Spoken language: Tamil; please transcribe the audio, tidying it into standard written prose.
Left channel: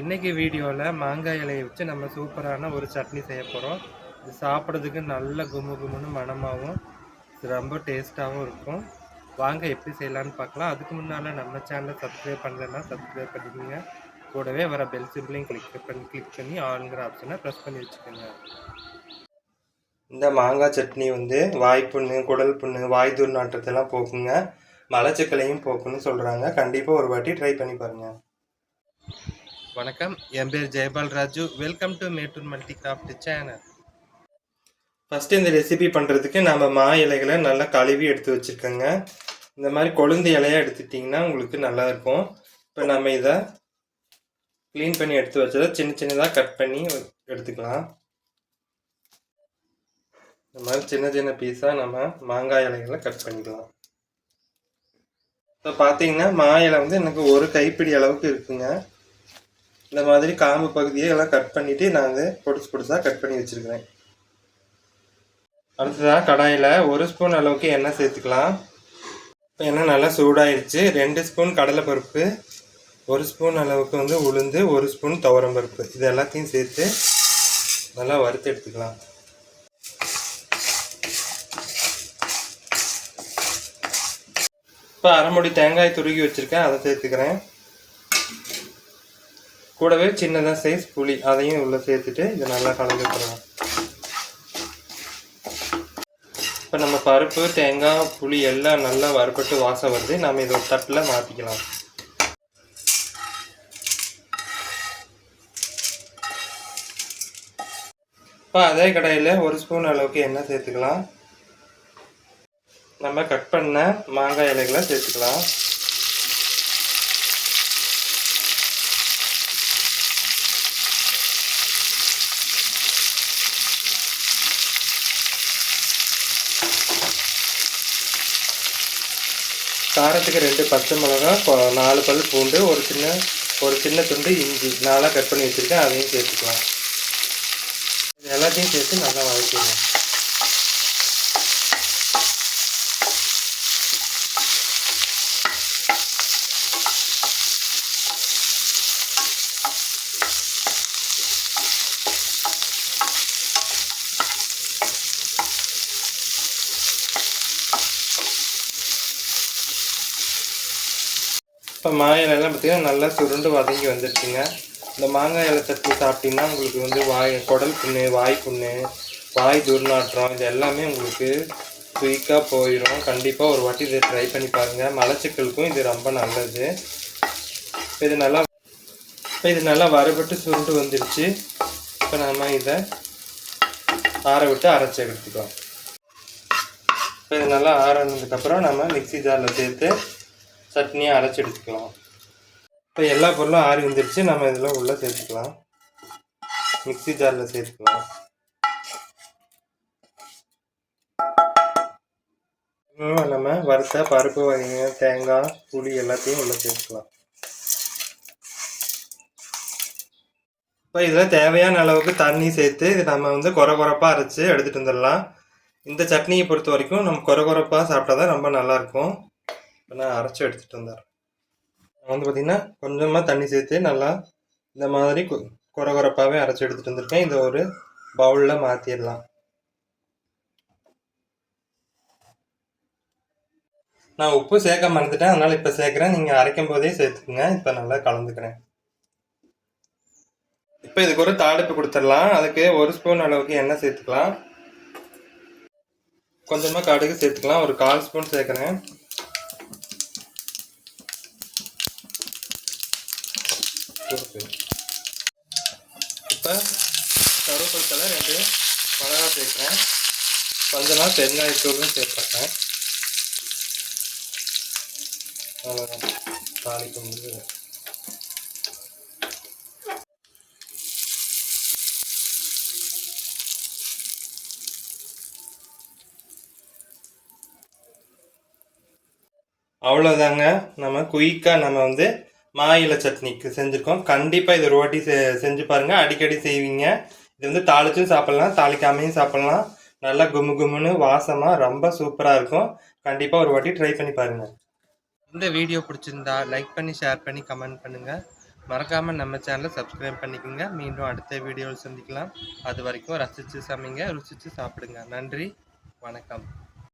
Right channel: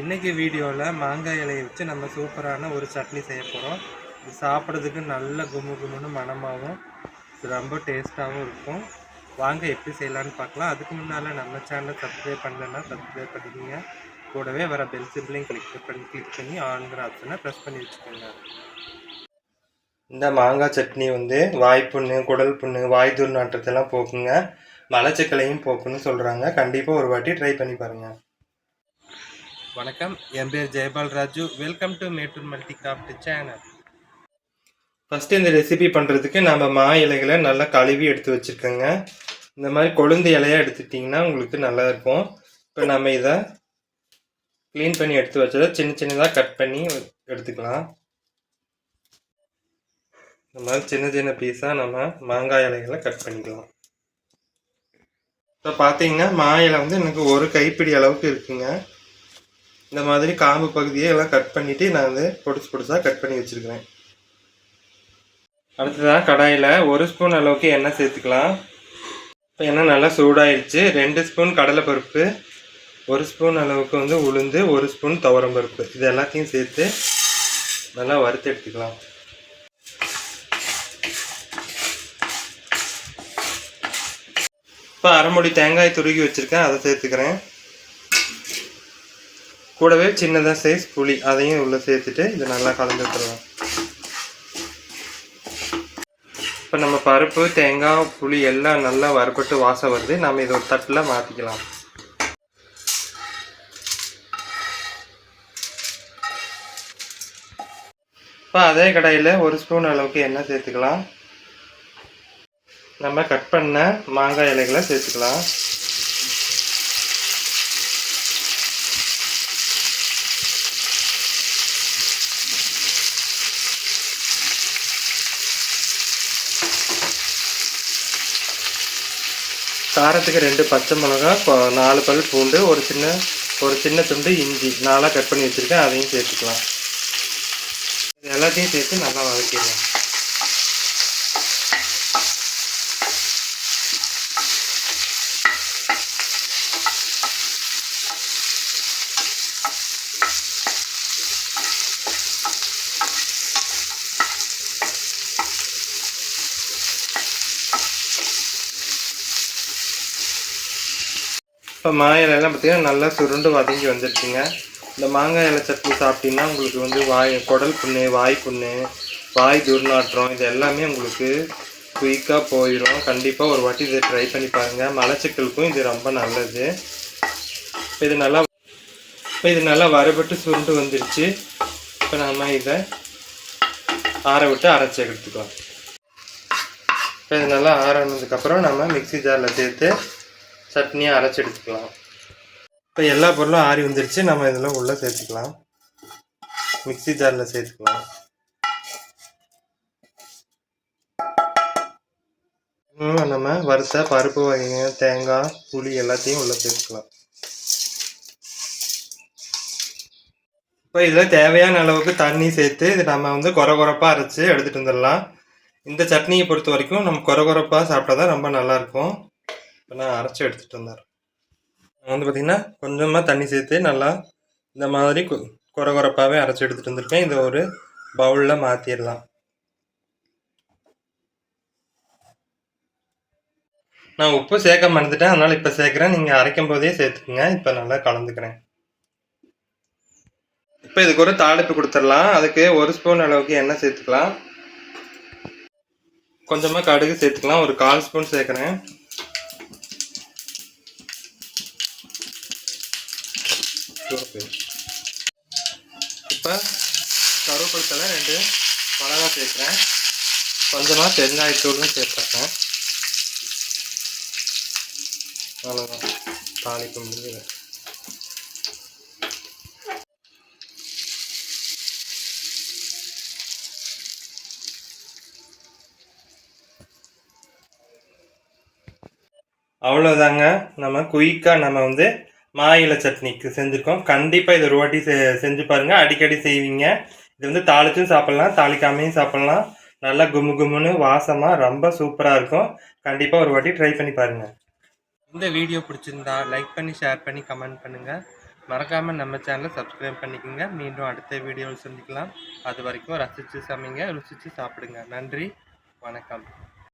இன்றைக்கி வீடியோவில் மாங்காய் இலையை வச்சு நம்ம சூப்பரான ஒரு சட்னி செய்ய போகிறோம். இது சாப்பிட்றதுக்கு நல்ல கும்மு கும்முன்னு மணமாகவும் ரொம்ப டேஸ்ட்டாகவும் இருக்கும். வாங்க எப்படி செய்யலான்னு பார்க்கலாம். அதுக்கு முன்னால் நம்ம சேனலை சப்ஸ்கிரைப் பண்ணலன்னா சப்ஸ்கிரைப் பண்ணிக்கோங்க. கூடவே வர பெல் சிம்பிளையும் கிளிக் பண்ணி ஆளுங்கிற ஆப்ஷனை ப்ரெஸ் பண்ணி வச்சுக்கோங்க. இந்த மாங்காய் சட்னி வாய்ப்புண்ணு, குடல் புண்ணு, வாய் துர்நாற்றத்தெல்லாம் போக்குங்க. மலச்சிக்கலையும் போக்குன்னு சொல்கிறாங்க. கண்டிப்பாக ஒரு வாட்டி ட்ரை பண்ணி பாருங்கள். வணக்கம், என் பேர் Jayapal Raju. Welcome to Mettur multi craft channel. First இந்த ரெசிபி பண்ணுறதுக்கு நம்ம மா இலைகளை நல்லா கழுவி எடுத்து வச்சுருக்கோங்க. இந்த மாதிரி கொழுந்து இலையாக எடுத்துட்டிங்கன்னா உங்களுக்கு நல்லா இருக்கும். இப்போ நம்ம இதை க்ளீன் பண்ணி எடுத்து வச்சதை சின்ன சின்னதாக கட் பண்ணி எடுத்துக்கலாம். இந்த மாதிரி சின்ன சின்ன பீஸாக நம்ம மாங்காய் இலைகளை கட் பண்ணிக்கலாம். இப்போ பார்த்தீங்கன்னா மா இலை எனக்கு ஒரு கைப்பிடி அளவுக்கு இருக்குங்க. இந்த மாதிரி காம்பு பகுதியை எல்லாம் கட் பண்ணிவிட்டு நான் பொடிசு பொடிசாக கட் பண்ணி வச்சுருக்கிறேன். அடுத்ததாக கடாயில் 1 ஸ்பூன் அளவுக்கு எண்ணெய் சேர்த்துக்கலாம். இப்போ எண்ணெய் நல்லா சூடாயிடுச்சு. 2 ஸ்பூன் கடலைப்பருப்பு, 1 ஸ்பூன் அளவுக்கு உளுந்து, 1 ஸ்பூன் துவரம்பருப்பு, இது எல்லாத்தையும் சேர்த்து நல்லா வறுத்து எடுத்துக்கலாம். இப்போ அரைமுடி தேங்காய் துருகி வச்சுருக்கேன், அதை சேர்த்துக்கிறேன். கூடவே சின்னதாக சைஸ் புளி, அதையும் உள்ளே சேர்த்துட்டு இதை நல்லா கலந்து விட்டுருவோம். இப்போ நம்ம பருப்பு, தேங்காய், புளி எல்லாம் நல்லா வறுபட்டு வாசம் வருது. நம்ம இதை ஒரு தட்டில் மாற்றிக்கலாம். இப்போ அதே கடாயில் 1 ஸ்பூன் அளவுக்கு எண்ணெய் சேர்த்துக்கலாம். நம்ம கட் பண்ண மாங்காய் இலைகளை சேர்த்துக்கலாம். காரத்துக்கு 2 பச்சை மிளகா, 4 பல் பூண்டு, ஒரு சின்ன துண்டு இஞ்சி நாளாக கட் பண்ணி வச்சுருக்கேன், அதையும் சேர்த்துக்கலாம். இது எல்லாத்தையும் சேர்த்து நல்லா வதக்கிடலாம். இப்போ மாங்காய் இலையெல்லாம் பார்த்திங்கன்னா நல்லா சுருண்டு வதங்கி வந்துடுச்சுங்க. இந்த மாங்காய் இலை சட்னி சாப்பிட்டிங்கன்னா உங்களுக்கு குடல் புண்ணு, வாய் புண்ணு, வாய் துர்நாற்றம் இது எல்லாமே உங்களுக்கு குயிக்காக போயிடும். கண்டிப்பாக ஒரு வாட்டி இதை ட்ரை பண்ணி பாருங்கள். மலச்சிக்கலுக்கும் இது ரொம்ப நல்லது. இப்போ இது நல்லா வறுபட்டு சுருண்டு வந்துடுச்சு. இப்போ நம்ம இதை ஆற விட்டு அரைச்சி எடுத்துக்கலாம். இப்போ இது நல்லா ஆறினதுக்கப்புறம் நம்ம மிக்ஸி ஜாரில் சேர்த்து சட்னியை அரைச்சி எடுத்துக்கலாம். இப்போ எல்லா பொருளும் ஆறி வந்துருச்சு. நம்ம இதில் உள்ளே சேர்த்துக்கலாம். மிக்ஸி ஜாரில் சேர்த்துக்கலாம். நம்ம வறுத்த பருப்பு வகைங்க, தேங்காய், புளி எல்லாத்தையும் உள்ளே சேர்த்துக்கலாம். இப்போ இதில் தேவையான அளவுக்கு தண்ணி சேர்த்து இது நம்ம கொரகொரப்பாக அரைச்சி எடுத்துகிட்டு வந்துடலாம். இந்த சட்னியை பொறுத்த வரைக்கும் நம்ம கொரகொரப்பாக சாப்பிட்டா தான் ரொம்ப நல்லாயிருக்கும். இப்போ நான் அரைச்சி எடுத்துகிட்டு வந்துடுறேன். பார்த்திங்கன்னா கொஞ்சமாக தண்ணி சேர்த்து நல்லா இந்த மாதிரி கொரகொரப்பாகவே அரைச்சி எடுத்துகிட்டு வந்திருக்கேன். இதை ஒரு பவுலில் மாற்றிடலாம். நான் உப்பு சேர்க்க மறந்துட்டேன், அதனால் இப்போ சேர்க்குறேன். நீங்கள் அரைக்கும் போதே சேர்த்துக்குங்க. இப்போ நல்லா கலந்துக்கிறேன். இப்போ இதுக்கு ஒரு தாளிப்பு கொடுத்துடலாம். அதுக்கு 1 ஸ்பூன் அளவுக்கு எண்ணெய் சேர்த்துக்கலாம். கொஞ்சமாக கடுகு சேர்த்துக்கலாம். ஒரு 1/4 ஸ்பூன் சேர்க்குறேன். இப்போ கருவேப்பிலை 2 மிளகா சேர்க்குறேன். கொஞ்சமாக பெருங்காயத்தூளும் சேர்த்துறேன். அவ்வளோதான், தாளிப்பு முடிஞ்சது. அவ்வளோதாங்க. நம்ம குயிக்காக நம்ம மா இலை சட்னிக்கு செஞ்சுருக்கோம். கண்டிப்பாக இது ஒரு வாட்டி செஞ்சு பாருங்கள். அடிக்கடி செய்வீங்க. இது தாளிச்சும் சாப்பிட்லாம், தாளிக்காமையும் சாப்பிட்லாம். நல்லா கும்மு கும்முன்னு வாசமாக ரொம்ப சூப்பராக இருக்கும். கண்டிப்பாக ஒரு வாட்டி ட்ரை பண்ணி பாருங்கள். இந்த வீடியோ பிடிச்சிருந்தா லைக் பண்ணி, ஷேர் பண்ணி, கமெண்ட் பண்ணுங்கள். மறக்காமல் நம்ம சேனலை சப்ஸ்கிரைப் பண்ணிக்கோங்க. மீண்டும் அடுத்த வீடியோவில் சந்திக்கலாம். அது வரைக்கும் ரசித்து சமைங்க, ருசித்து சாப்பிடுங்க. நன்றி, வணக்கம்.